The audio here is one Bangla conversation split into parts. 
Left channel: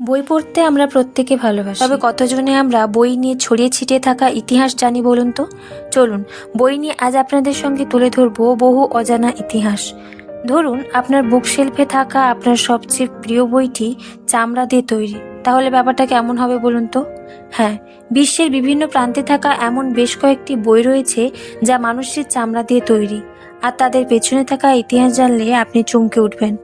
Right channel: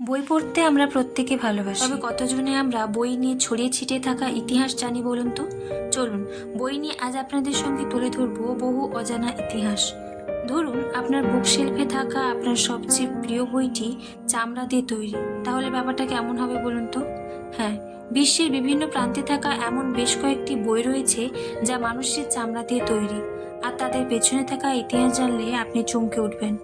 বই পড়তে আমরা প্রত্যেকে ভালোবাসি। তবে কতজনে আমরা বই নিয়ে ছড়িয়ে ছিটিয়ে থাকা ইতিহাস জানি বলুন তো? চলুন, বই নিয়ে আজ আপনাদের সঙ্গে তুলে ধরবো বহু অজানা ইতিহাস। ধরুন, আপনার বুক শেলফে থাকা আপনার সবচেয়ে প্রিয় বইটি চামড়া দিয়ে তৈরি। তাহলে ব্যাপারটা কেমন হবে বলুন তো? হ্যাঁ বিশ্বের বিভিন্ন প্রান্তে থাকা এমন বেশ কয়েকটি বই রয়েছে যা মানুষের চামড়া দিয়ে তৈরি। আর তাদের পেছনে থাকা ইতিহাস জানলে আপনি চমকে উঠবেন।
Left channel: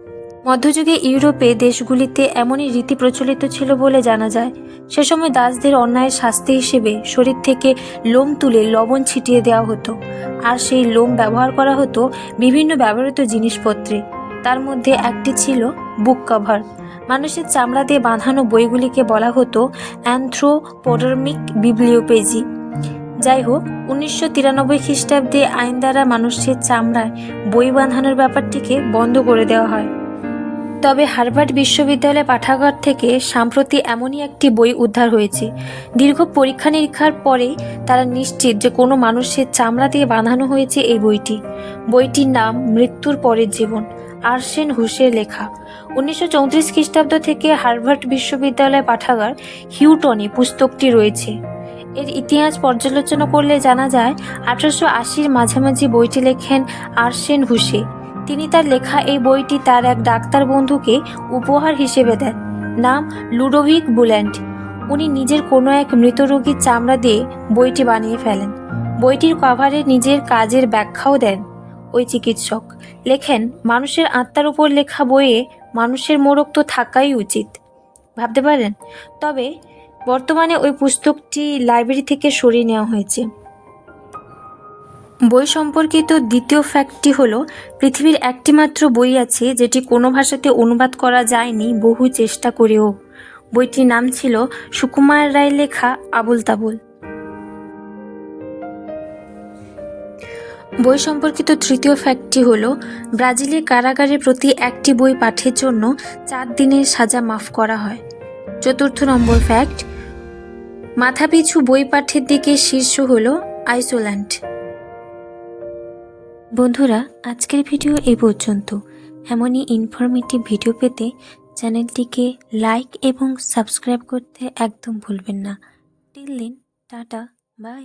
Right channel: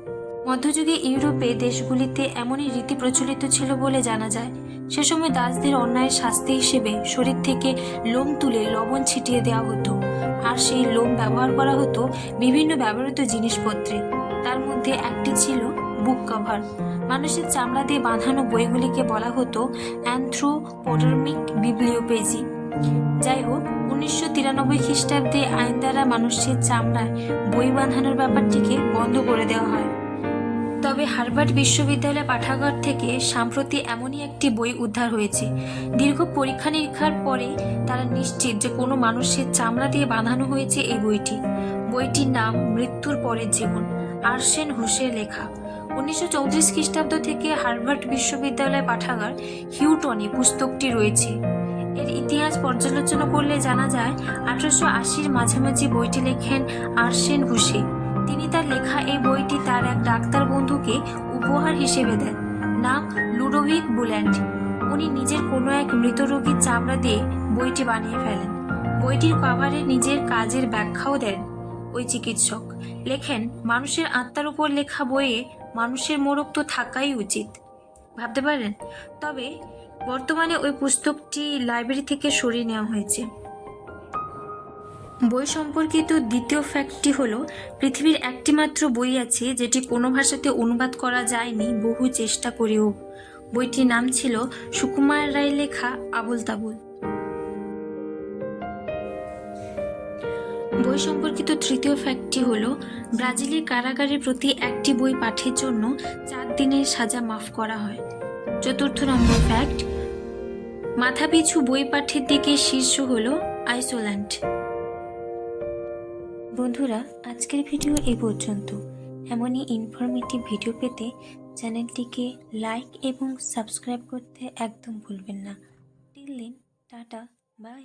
মধ্যযুগে ইউরোপে দেশগুলিতে এমনই রীতি প্রচলিত ছিল বলে জানা যায়। সে সময় দাসদের অন্যায়ের শাস্তি হিসেবে শরীর থেকে লোম তুলে লবণ ছিটিয়ে দেওয়া হতো। আর সেই লোম ব্যবহার করা হতো বিভিন্ন ব্যবহৃত জিনিসপত্রে। তার মধ্যে একটি ছিল বুক কভার। মানুষের চামড়া দিয়ে বাঁধানো বইগুলিকে বলা হতো অ্যান্থ্রোপোডার্মিক বিবলিওপেজি। যাই হোক, উনিশশো তিরানব্বই খ্রিস্টাব্দে আইন দ্বারা মানুষের চামড়ায় বই বাঁধানোর ব্যাপারটিকে বন্ধ করে দেওয়া হয়। তবে হার্ভার্ড বিশ্ববিদ্যালয় পাঠাগার থেকে সম্প্রতি এমনই একটি বই উদ্ধার হয়েছে। দীর্ঘ পরীক্ষা নিরীক্ষার পরে তারা নিশ্চিত যে কোনো মানুষের চামড়া দিয়ে বাঁধানো হয়েছে এই বইটি। বইটির নাম মৃত্যুর পরের জীবন, আরসেন হুসের লেখা। উনিশশো চৌত্রিশ খ্রিস্টাব্দ থেকে হার্ভার্ড বিশ্ববিদ্যালয় পাঠাগার হিউটনে পুস্তকটি রয়েছে। এর ইতিহাস পর্যালোচনা করলে জানা যায়, আঠারোশো আশির মাঝামাঝি বইটি লেখেন আরসেন হুসে। তিনি তার লেখা এই বইটি তার এক ডাক্তার বন্ধুকে উপহার হিসেবে দেন। নাম লুডোভিক বুল্যান্ড। উনি নিজের কোনো এক মৃত রোগীর চামড়া দিয়ে বইটি বানিয়ে ফেলেন। বইটির কভারে নিজের কাজের ব্যাখ্যাও দেন ওই চিকিৎসক। লেখেন, মানুষের আত্মার উপর লেখা বইয়ে মানুষের মোড়ক তো থাকাই উচিত। ভাবতে পারেন? তবে বর্তমানে ওই পুস্তকটি লাইব্রেরি থেকে সরিয়ে নেওয়া হয়েছে। বই সম্পর্কিত দ্বিতীয় ফ্যাক্টটি হলো, পৃথিবীর একটিমাত্র বই আছে যেটি কোনো ভাষাতে অনুবাদ করা যায়নি বহু চেষ্টা করেও। বইটির নাম ছিল সুকুমার রায় লেখা আবুল তাবুল। বই সম্পর্কিত তৃতীয় ফ্যাক্টটি হলো, ব্রাজিলে কারাগারে প্রতি একটি বই পাঠের জন্য চার দিনের সাজা মাফ করা হয়। চতুর্থ নম্বর ফ্যাক্ট মাথাপিছু বই পাঠের দিকে শীর্ষ হলো আইসোল্যান্ড। বন্ধুরা, আজকের ভিডিও এ পর্যন্ত। এমনই ইনফরমেটিভ ভিডিও পেতে চ্যানেলটিকে লাইক এবং সাবস্ক্রাইব করতে একদম ভুলবেন না। টিল দিন টাটা বাই